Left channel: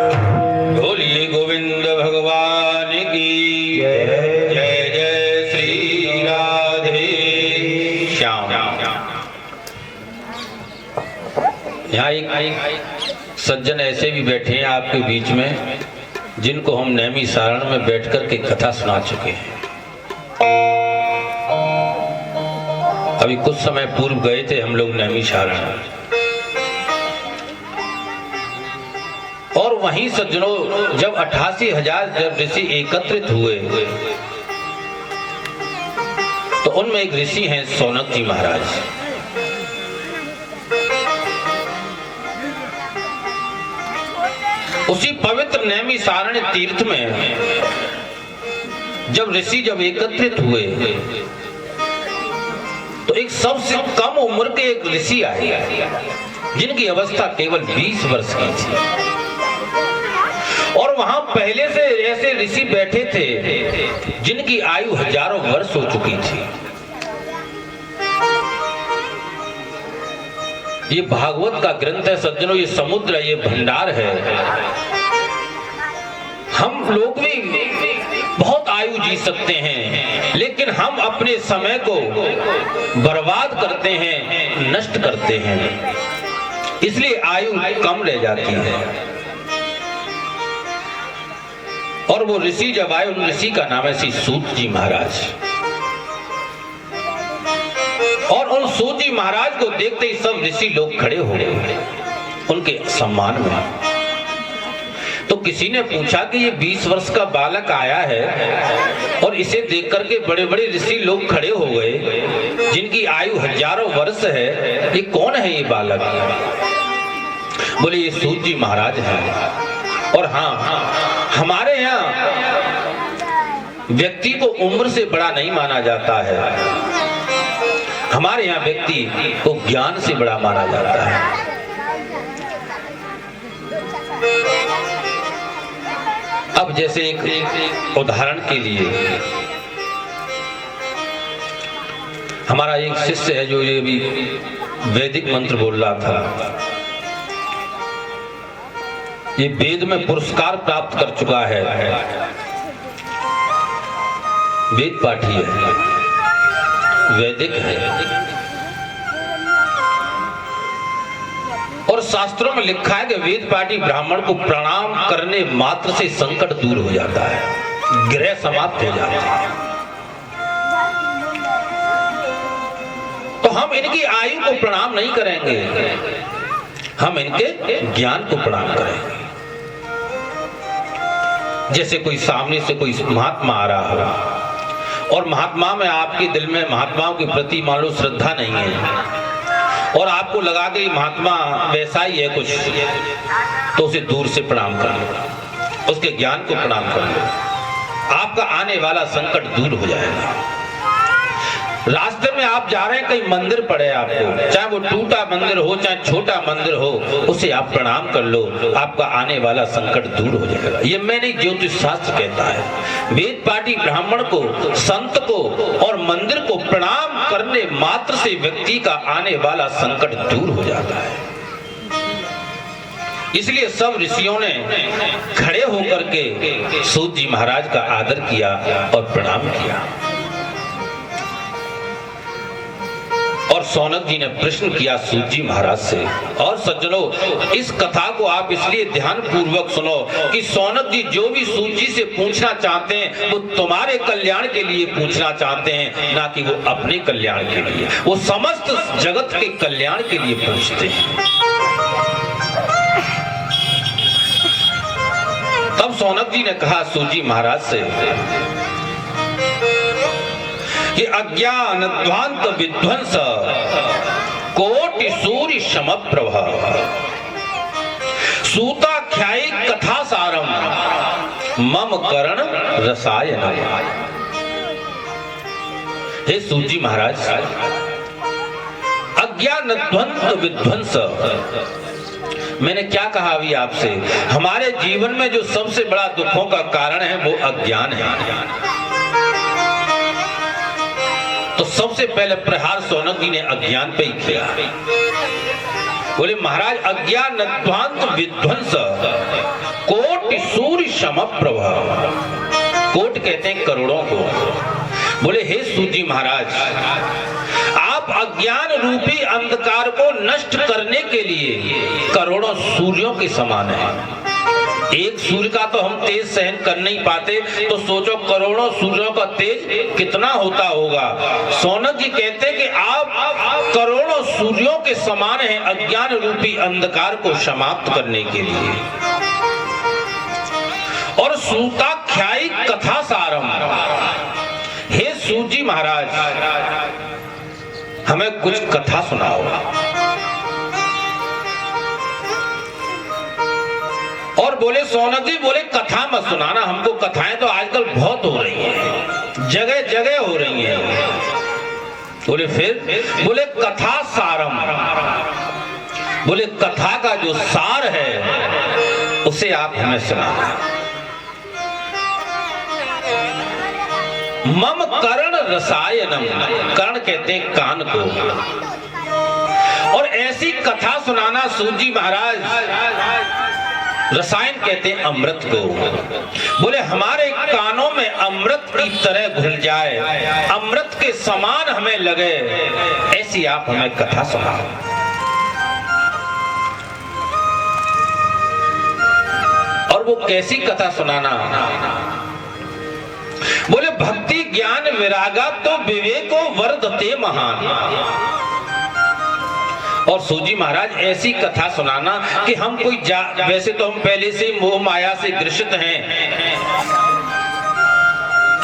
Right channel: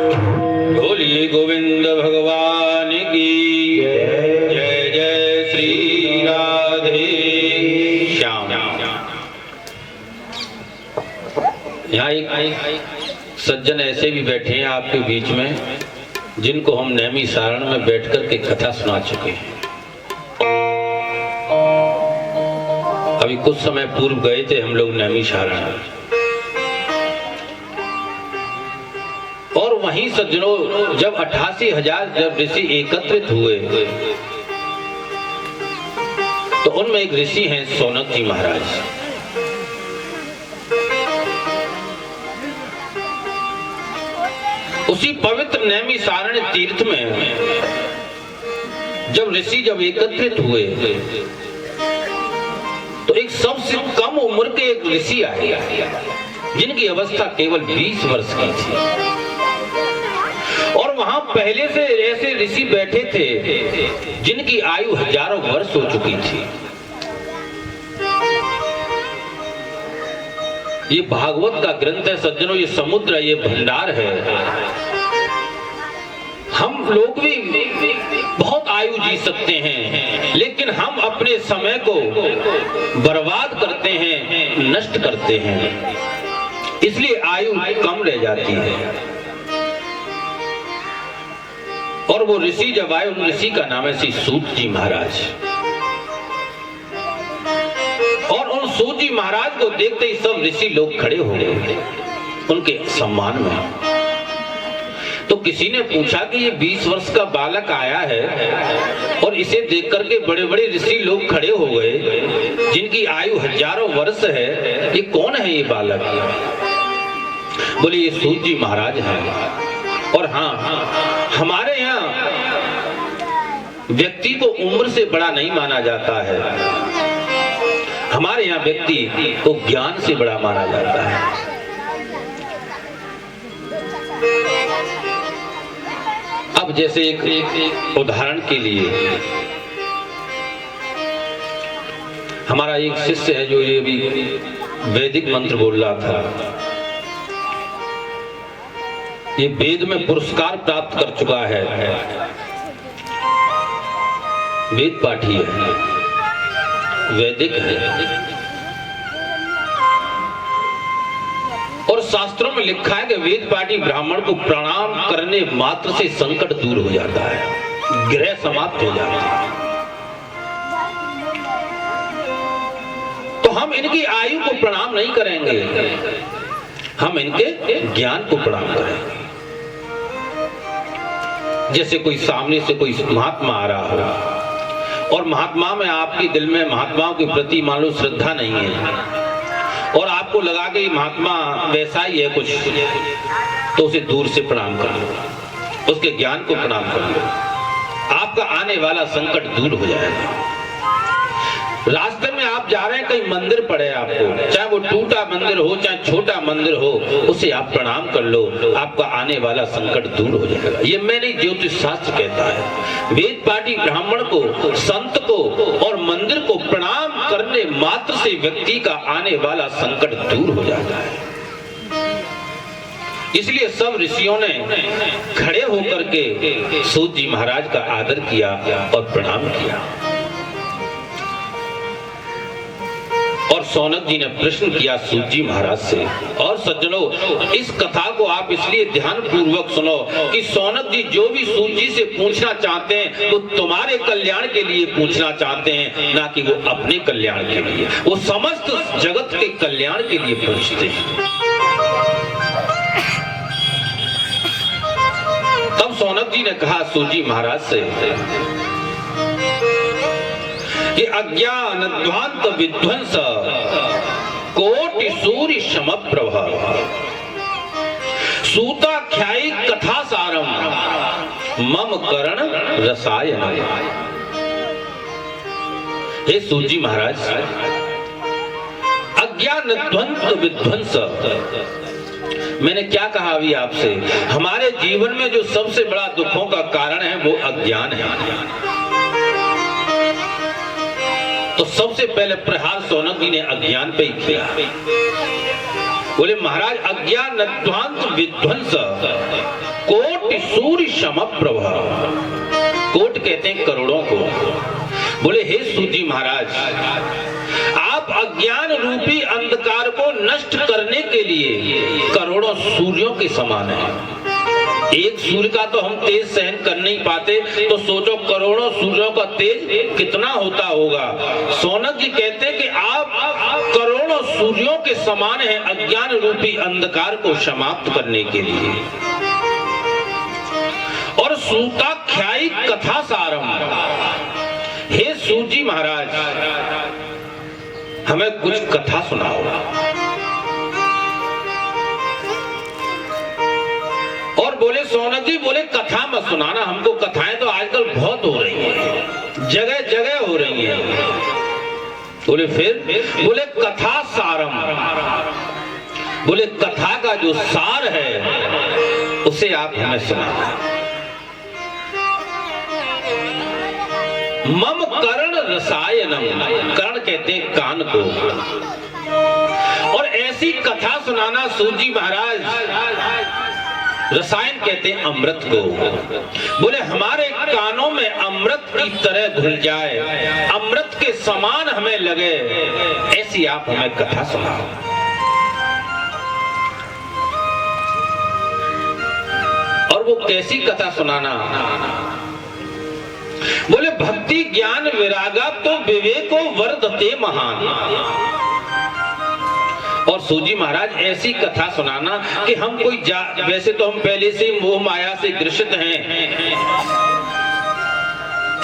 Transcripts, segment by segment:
बोलिए गोविंद भगवान की जय। जय श्री राधे श्याम। यहाँ एक सज्जन ऐसे भी बैठे हैं आपके बीच में जिनको हम नैमी सारण में बैठकर के कथा सुना चुके हैं। अभी कुछ समय पूर्व गए थे हम लोग नैमी सारण, और वहीं सज्जनों जब 88,000 जब ऋषि एकत्रित हुए तो उनमें एक ऋषि हैं सौनक जी महाराज। उसी पवित्र नैमी सारण तीर्थ में जब ऋषि जब एकत्रित हुए तो एक सबसे कम उम्र के एक ऋषि आए जिनकी अवस्था केवल 20 वर्ष की थी। और वहां पहले से ऐसे ऋषि बैठे थे जिनकी आयु हजारों वर्ष हो चुकी थी। ये भागवत का ग्रंथ है सज्जनों, ये समुद्र है, ये भंडार है। हम लोग भी बहुत आयु जी सकते हैं, लेकिन हम अपने समय को बर्बाद करते हैं, नष्ट करते हैं, इसलिए आयु कम रह जाती है। और वो ऋषि जब आए, उन ऋषि का नाम है श्री सूत जी महाराज। और उन सूत जी महाराज को देखते ही सब ऋषि लोग खड़े हो गए उनके सम्मान में। तो किसी ने पूछा कि ये 20 वर्ष का बालक आया है और इसे देख करके बड़े बड़े ऋषि लोग खड़े हो गए जिनकी आयु हजारों वर्ष है, ये कौन है ये बालक? बोले ये सूत जी महाराज हैं। और हाँ, हमारे यहाँ व्यक्ति को उम्र से बड़ा नहीं माना जाता है, हमारे यहाँ व्यक्ति को ज्ञान से बड़ा माना जाता है। अब जैसे एक उदाहरण के लिए हमारा एक शिष्य है जो ये भी वैदिक मंत्र बोल रहा था, ये वेद में पुरस्कार प्राप्त कर चुका है, वेद पाठी है, वैदिक है। और शास्त्रों में लिखा है कि वेद पाठी ब्राह्मण को प्रणाम करने मात्र से संकट दूर हो जाता है, ग्रह समाप्त हो जाता है। तो हम इनकी आयु को प्रणाम नहीं करेंगे, हम इनके ज्ञान को प्रणाम करेंगे। जैसे कोई सामने से कोई महात्मा आ रहा हो और महात्मा में आपके दिल में महात्माओं के प्रति मान लो श्रद्धा नहीं है और आपको लगा कि महात्मा वैसा ही है कुछ, तो उसे दूर से प्रणाम कर लो, उसके ज्ञान को प्रणाम कर लो, आपका आने वाला संकट दूर हो जाएगा। रास्ते में आप जा रहे हैं, कहीं मंदिर पड़े आपको, चाहे वो टूटा मंदिर हो चाहे छोटा मंदिर हो, उसे आप प्रणाम कर लो, आपका आने वाला संकट दूर हो जाएगा। ये मैं नहीं, ज्योतिष शास्त्र कहता है। वेद पाठी ब्राह्मण को, संत को और मंदिर को प्रणाम करने मात्र से व्यक्ति का आने वाला संकट दूर हो जाता है। इसलिए सब ऋषियों ने खड़े होकर के सूत जी महाराज का आदर किया और प्रणाम किया। और सौनक जी ने प्रश्न किया सूत जी महाराज से। और सज्जनों, इस कथा को आप इसलिए ध्यान पूर्वक सुनो कि सौनक जी जो भी सूत जी से पूछना चाहते हैं वो तुम्हारे कल्याण के लिए पूछना चाहते हैं, ना कि वो अपने कल्याण के लिए, वो समस्त जगत के कल्याण के लिए पूछते हैं। तब सौनक जी ने कहा सूत जी महाराज से कि अज्ञान ध्वांत विध्वंस कोटि सूर्य समप्रभ सूताख्यायी कथा सारम मम करण रसायन। हे सूत जी महाराज, अज्ञान ध्वंत विध्वंस, मैंने क्या कहा अभी आपसे? हमारे जीवन में जो सबसे बड़ा दुखों का कारण है वो अज्ञान है। तो सबसे पहले प्रहार सौनक जी ने अज्ञान पे ही किया। बोले महाराज अज्ञानध्वांत विध्वंस कोटि सूर्य समप्रभा। कोट कहते हैं करोड़ों को। बोले हे सूत जी महाराज, आप अज्ञान रूपी अंधकार को नष्ट करने के लिए करोड़ों सूर्यों के समान हैं। एक सूर्य का तो हम तेज सहन कर नहीं पाते, तो सोचो करोड़ों सूर्यों का तेज कितना होता होगा। सौनक जी कहते हैं कि आप करोड़ों सूर्यों के समान हैं अज्ञान रूपी अंधकार को समाप्त करने के लिए। और सूताख्यायी कथा सारम, हे सूत जी महाराज हमें कुछ कथा सुनाओ। और बोले सौनक जी, बोले कथा मत सुनाना हमको, कथाएं तो आजकल बहुत हो रही हैं, जगह जगह हो रही हैं। बोले फिर? बोले कथा सारम, बोले कथा का जो सार है उसे आप हमें सुनाना। मम कर्ण रसायनम, कर्ण कहते हैं कान को, और ऐसी कथा सुनाना सूत जी महाराज। रसायन कहते हैं अमृत को। बोले हमारे कानों में अमृत की तरह घुल जाए, अमृत के समान हमें लगे, ऐसी आप हमें कथा सुनाओ। और वो कैसी कथा सुनाना? बोले भक्ति ज्ञान विरागा तो विवेको वर्धते महान। और सूजी महाराज ऐसी कथा सुनाना कि हम कोई वैसे तो हम पहले से मोह माया से ग्रसित हैं,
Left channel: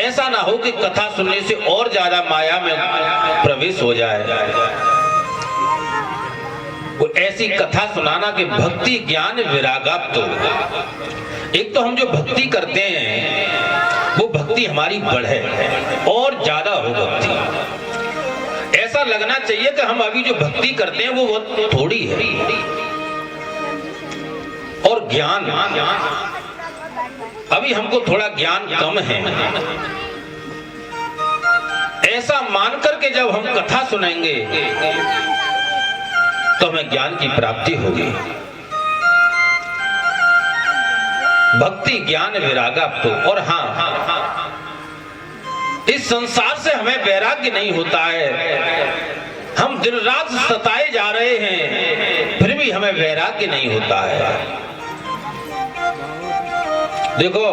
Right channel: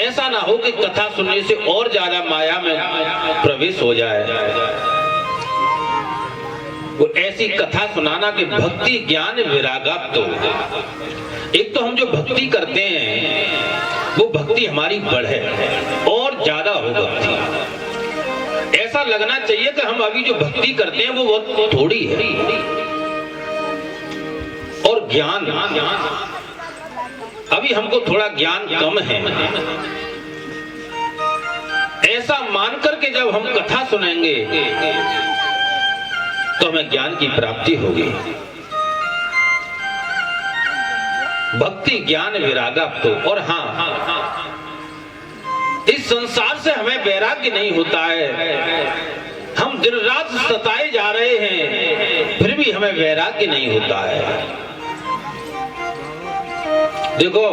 ऐसा ना हो कि कथा सुनने से और ज्यादा माया में प्रवेश हो जाए। वो ऐसी कथा सुनाना कि भक्ति ज्ञान विरागाप्तो, एक तो हम जो भक्ति करते हैं वो भक्ति हमारी बढ़े और ज्यादा हो भक्ति। ऐसा लगना चाहिए कि हम अभी जो भक्ति करते हैं वो बहुत थोड़ी है। और ज्ञान, अभी हमको थोड़ा ज्ञान कम है, ऐसा मान करके जब हम कथा सुनेंगे तो हमें ज्ञान की प्राप्ति होगी। भक्ति ज्ञान विरागा तो। और हाँ, इस संसार से हमें वैराग्य नहीं होता है, हम दिन रात सताए जा रहे हैं फिर भी हमें वैराग्य नहीं होता है। देखो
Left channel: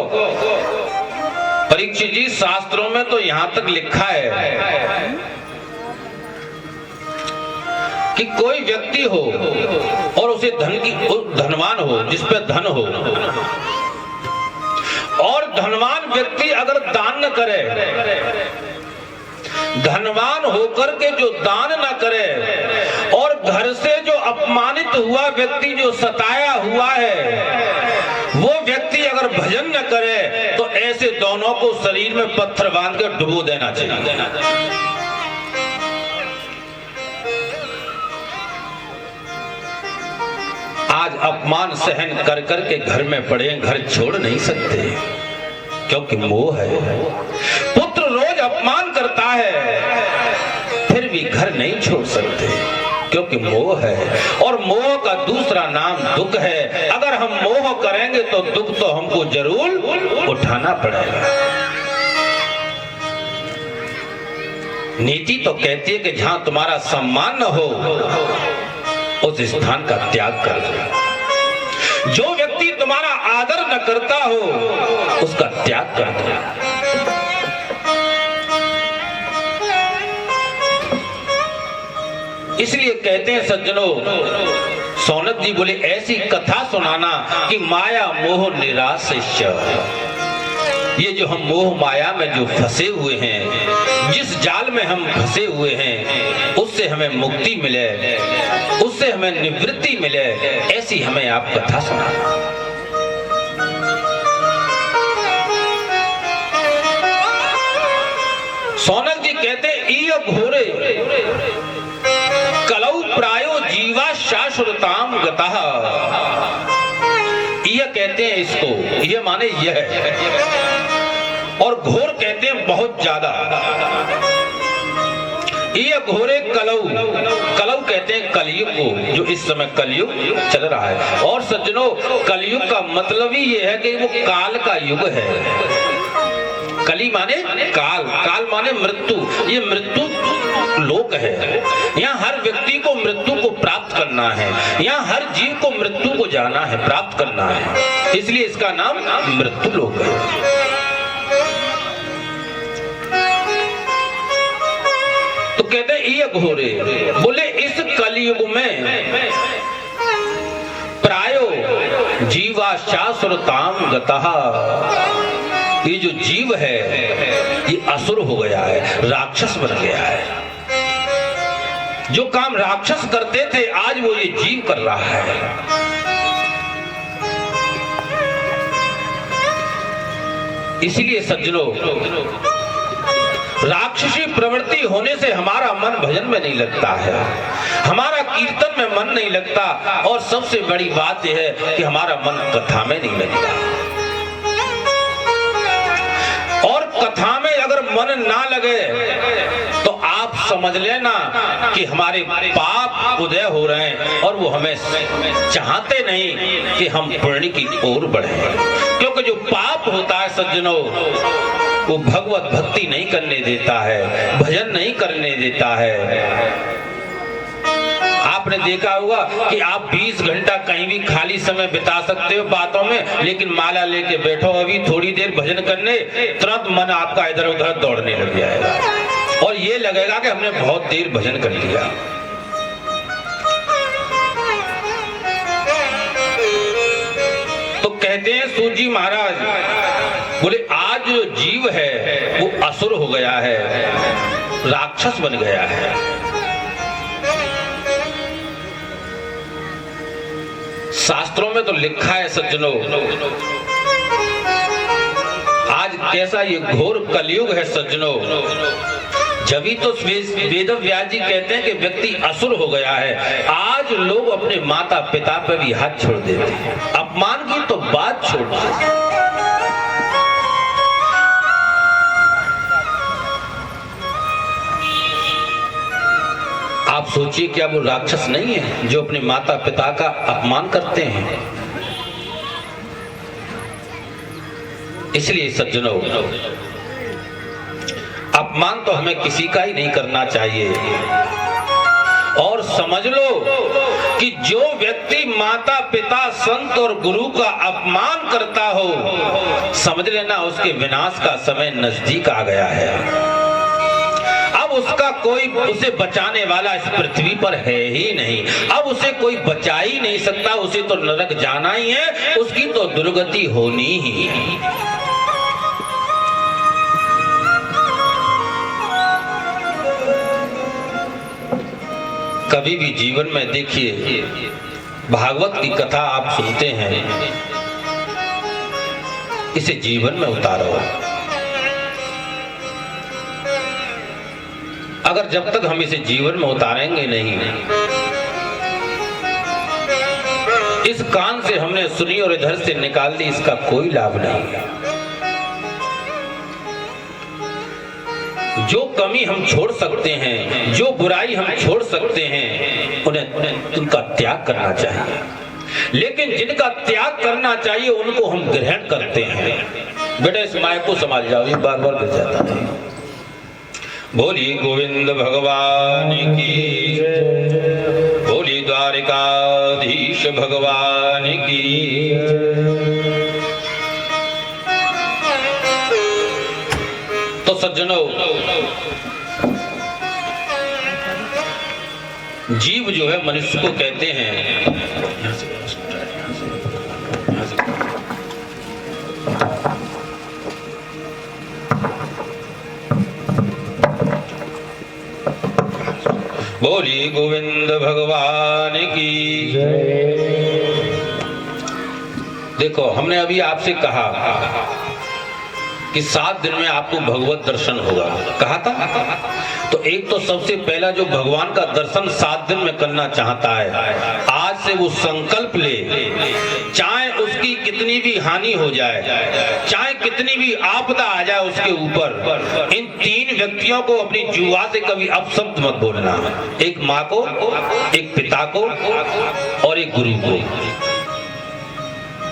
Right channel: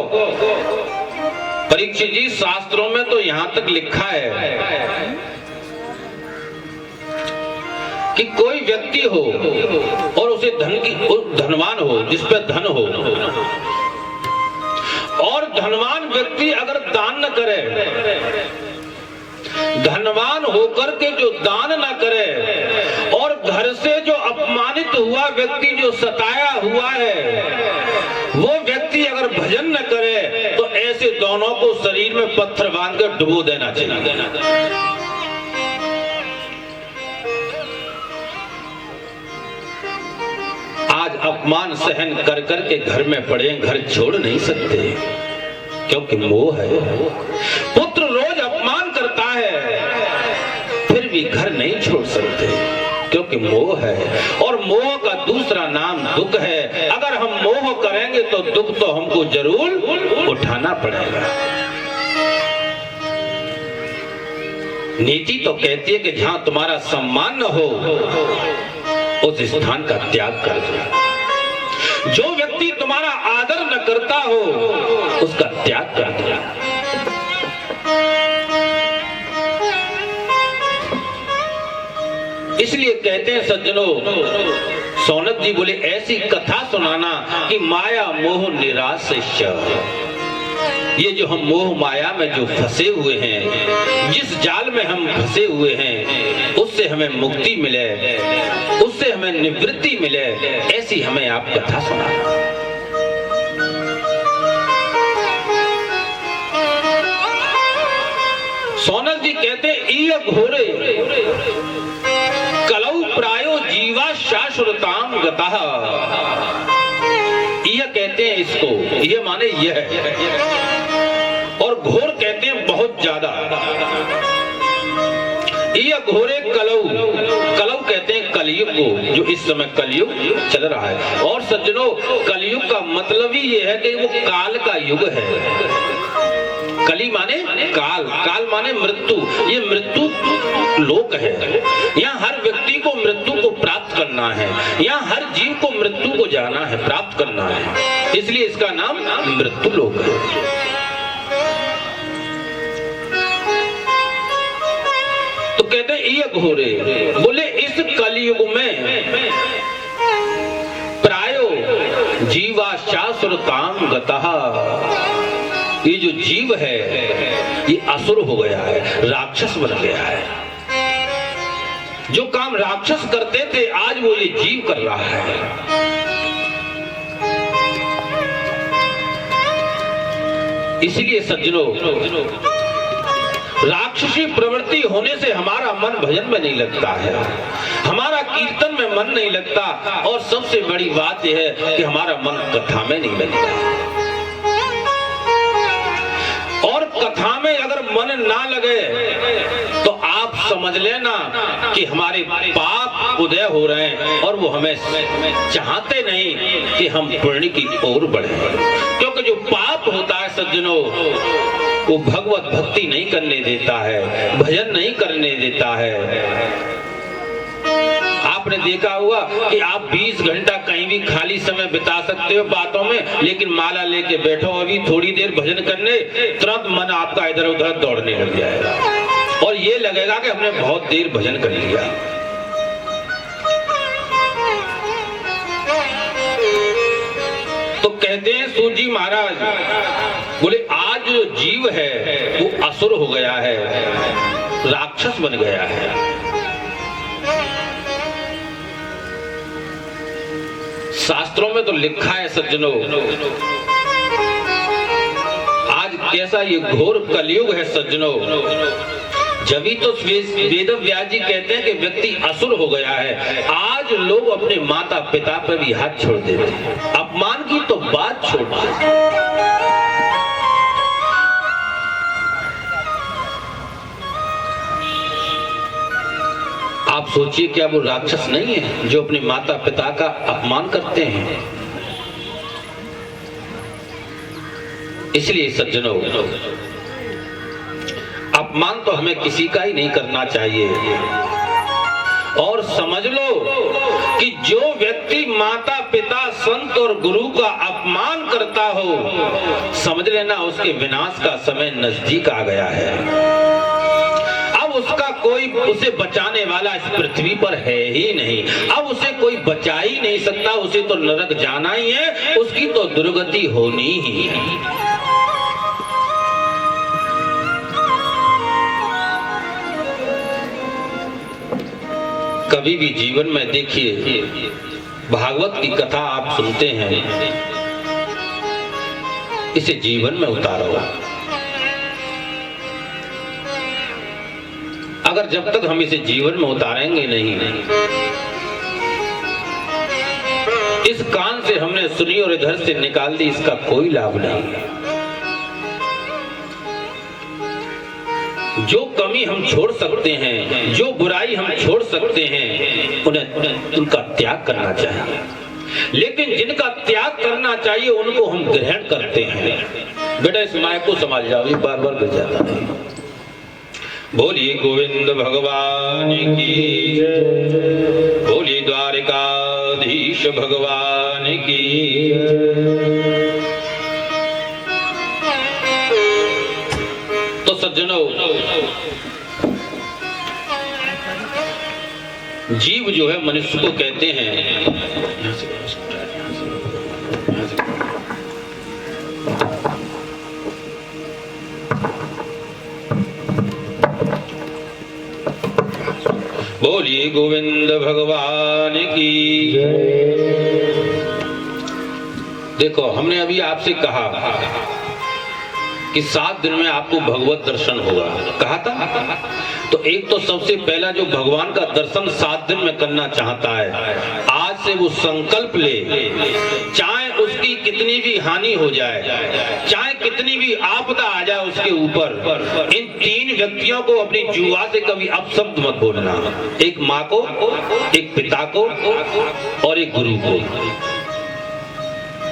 परीक्षित जी, शास्त्रों में तो यहां तक लिखा है कि कोई व्यक्ति हो और उसे धनवान हो, जिस पे धन हो, और धनवान व्यक्ति अगर दान न करे, धनवान होकर के जो दान न करे, और घर से जो अपमानित हुआ व्यक्ति, जो सताया हुआ है, वो व्यक्ति अगर भजन न करे तो ऐसे दोनों को शरीर में पत्थर बांधकर डुबो देना चाहिए। आज अपमान सहन कर कर के घर में पड़े, घर छोड़ नहीं सकते क्योंकि मोह है। पुत्र रोज अपमान करता है फिर भी घर नहीं छोड़ सकते क्योंकि मोह है। और मोह का दूसरा नाम दुख है। अगर हम मोह करेंगे तो दुख तो हमको जरूर उठाना पड़ेगा। नीति तो कहती है कि जहां तुम्हारा सम्मान न हो उस स्थान का त्याग कर दो। जो व्यक्ति तुम्हारा आदर न करता हो उसका त्याग कर दो। इसलिए कहते हैं सज्जनों, सौनक जी बोले ऐसी कथा सुनाना कि माया मोह निराश्य, ये जो हम मोह माया में जो फंसे हुए हैं, जिस जाल में हम फंसे हुए हैं, उससे हमें मुक्ति मिले, उससे हमें निवृत्ति मिले, ऐसी हमें आप कथा सुनाना। सौनक जी कहते ईय घोरे कलौ प्रायो जीवा शाश्वताम गतः। ईय कहते हैं इसको, ये माने यह है, और घोर कहते हैं बहुत ज्यादा। ईय घोरे कलौ, कलौ कहते कहते हैं कलयुग को, जो इस समय कलयुग चल रहा है। और सज्जनों, कलयुग का मतलब ही ये है कि वो काल का युग है। कली माने काल, काल माने मृत्यु। ये मृत्यु लोक है। यहाँ हर व्यक्ति को मृत्यु को प्राप्त करना है, यहाँ हर जीव को मृत्यु को जाना है, प्राप्त करना है, इसलिए इसका नाम मृत्यु लोक है। तो कहते हैं ये घोरे, बोले इस कलयुग में प्रायो जीवा शाश्वताम गतः, ये जो जीव है ये असुर हो गया है, राक्षस बन गया है। जो काम राक्षस करते थे आज वो ये जीव कर रहा है। इसीलिए सज्जनों, राक्षसी प्रवृत्ति होने से हमारा मन भजन में नहीं लगता है, हमारा कीर्तन में मन नहीं लगता, और सबसे बड़ी बात यह है कि हमारा मन कथा में नहीं लगता। और कथा में अगर मन ना लगे तो आप समझ लेना कि हमारे पाप उदय हो रहे हैं और वो हमें चाहते नहीं कि हम पुण्य की ओर बढ़े। क्योंकि जो पाप होता है सज्जनों, वो भगवत भक्ति नहीं करने देता है, भजन नहीं करने देता है। आपने देखा होगा कि आप 20 घंटा कहीं भी खाली समय बिता सकते हो बातों में, लेकिन माला लेके बैठो अभी थोड़ी देर भजन करने, तुरंत मन आपका इधर उधर दौड़ने लग जाएगा और ये लगेगा कि हमने बहुत देर भजन कर लिया। तो कहते हैं सूत जी महाराज, बोले आज जो जीव है वो असुर हो गया है, राक्षस बन गया है। शास्त्रों में तो लिखा है सज्जनों, आज कैसा ये घोर कलयुग है सज्जनों। जभी तो वेद व्यास जी कहते हैं कि व्यक्ति असुर हो गया है। आज लोग अपने माता पिता पे भी हाथ छोड़ देते हैं, अपमान की तो बात छोड़ देते। आप सोचिए, क्या वो राक्षस नहीं है जो अपने माता पिता का अपमान करते हैं? इसलिए सज्जनों, अपमान तो हमें किसी का ही नहीं करना चाहिए। और समझ लो कि जो व्यक्ति माता पिता संत और गुरु का अपमान करता हो, समझ लेना उसके विनाश का समय नजदीक आ गया है। उसका कोई उसे बचाने वाला इस पृथ्वी पर है ही नहीं। अब उसे कोई बचा ही नहीं सकता, उसे तो नरक जाना ही है, उसकी तो दुर्गति होनी ही है। कभी भी जीवन में देखिए, भागवत की कथा आप सुनते हैं, इसे जीवन में उतारो। अगर जब तक हम इसे जीवन में उतारेंगे नहीं, इस कान से हमने सुनी और इधर से निकाल दी, इसका कोई लाभ नहीं। जो कमी हम छोड़ सकते हैं, जो बुराई हम छोड़ सकते हैं, उन्हें उनका त्याग करना चाहिए। लेकिन जिनका त्याग करना चाहिए उनको हम ग्रहण करते हैं। बेटा इस माइक को संभाल जाओ, ये बार बार गिर जाता है। बोलिए गोविंद भगवान की जय, बोलिए द्वारिकाधीश भगवान की जय। तो सज्जनों, जीव जो है मनुष्य को कहते हैं, बोलिए गोविंद भगवान की जय। देखो, हमने अभी आपसे कहा कि 7 दिन में आपको भगवत दर्शन होगा, कहा था। तो एक तो सबसे पहला जो भगवान का दर्शन 7 दिन में करना चाहता है, आज से वो संकल्प ले, चाहे उसकी कितनी भी हानि हो जाए, चाहे कितनी भी आपदा आ जाए उसके ऊपर, इन 3 व्यक्तियों को अपनी जुआ से कभी अपशब्द मत बोलना। एक माँ को, एक पिता को और एक गुरु को।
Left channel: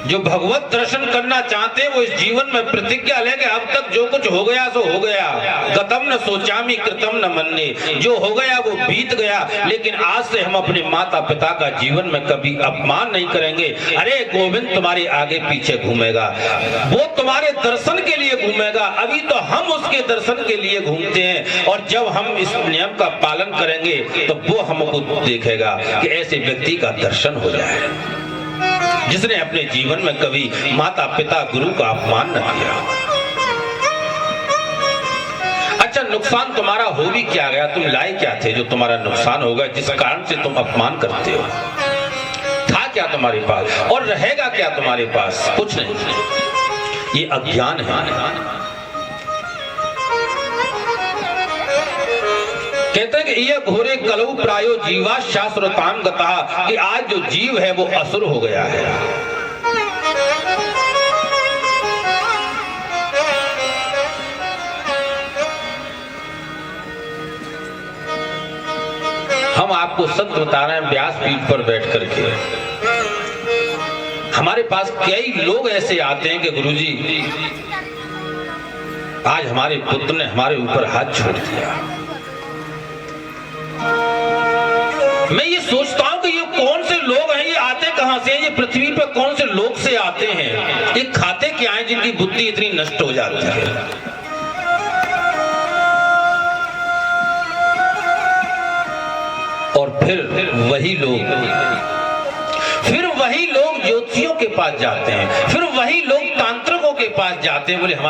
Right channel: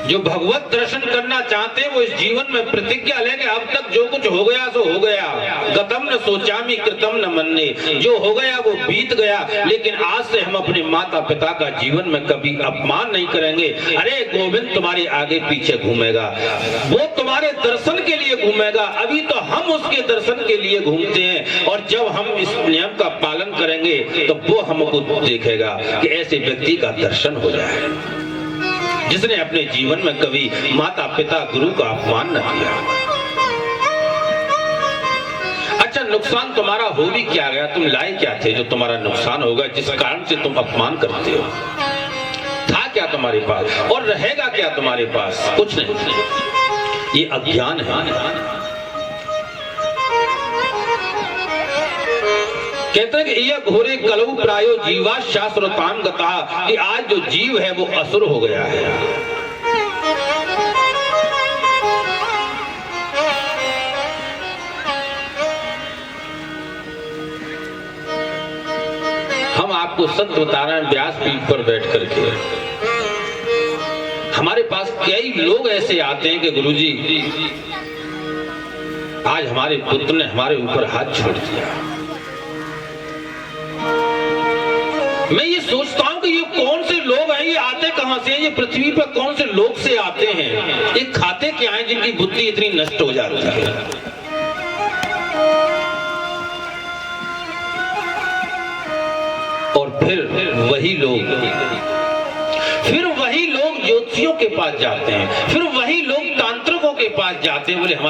जो भगवत दर्शन करना चाहते हैं वो इस जीवन में प्रतिज्ञा लेंगे, अब तक जो कुछ हो गया सो हो गया, गतम न सोचामी कृतम न मन्ने, जो हो गया वो बीत गया, लेकिन आज से हम अपने माता पिता का जीवन में कभी अपमान नहीं करेंगे। अरे गोविंद तुम्हारे आगे पीछे घूमेगा, वो तुम्हारे दर्शन के लिए घूमेगा, अभी तो हम उसके दर्शन के लिए घूमते हैं, और जब हम इस नियम का पालन करेंगे तो वो हमको देखेगा कि ऐसे व्यक्ति का दर्शन हो जाए जिसने अपने जीवन में कभी माता पिता गुरु का अपमान न किया। अच्छा, नुकसान तुम्हारा हो भी क्या गया? तुम लाए क्या थे जो तुम्हारा नुकसान होगा, जिस कारण से तुम अपमान करते हो? था क्या तुम्हारे पास और रहेगा क्या तुम्हारे पास? कुछ नहीं। ये अज्ञान है। कहते हैं कि ये घोरे कलऊ प्रायो जीवा शास्त्रताम गता, कि आज जो जीव है वो असुर हो गया है। हम आपको सत्य बता रहे हैं व्यास पीठ पर बैठ करके। हमारे पास कई लोग ऐसे आते हैं कि गुरुजी आज हमारे पुत्र ने हमारे ऊपर हाथ छोड़ दिया। मैं ये सोचता हूं कि ये कौन से लोग हैं, ये आते कहां से हैं, ये पृथ्वी पर कौन से लोग से आते हैं, ये खाते क्या हैं जिनकी बुद्धि इतनी नष्ट हो जाती है। और फिर वही लोग ज्योतिषियों के पास जाते हैं, फिर वही लोग तांत्रिकों के पास जाते हैं, बोले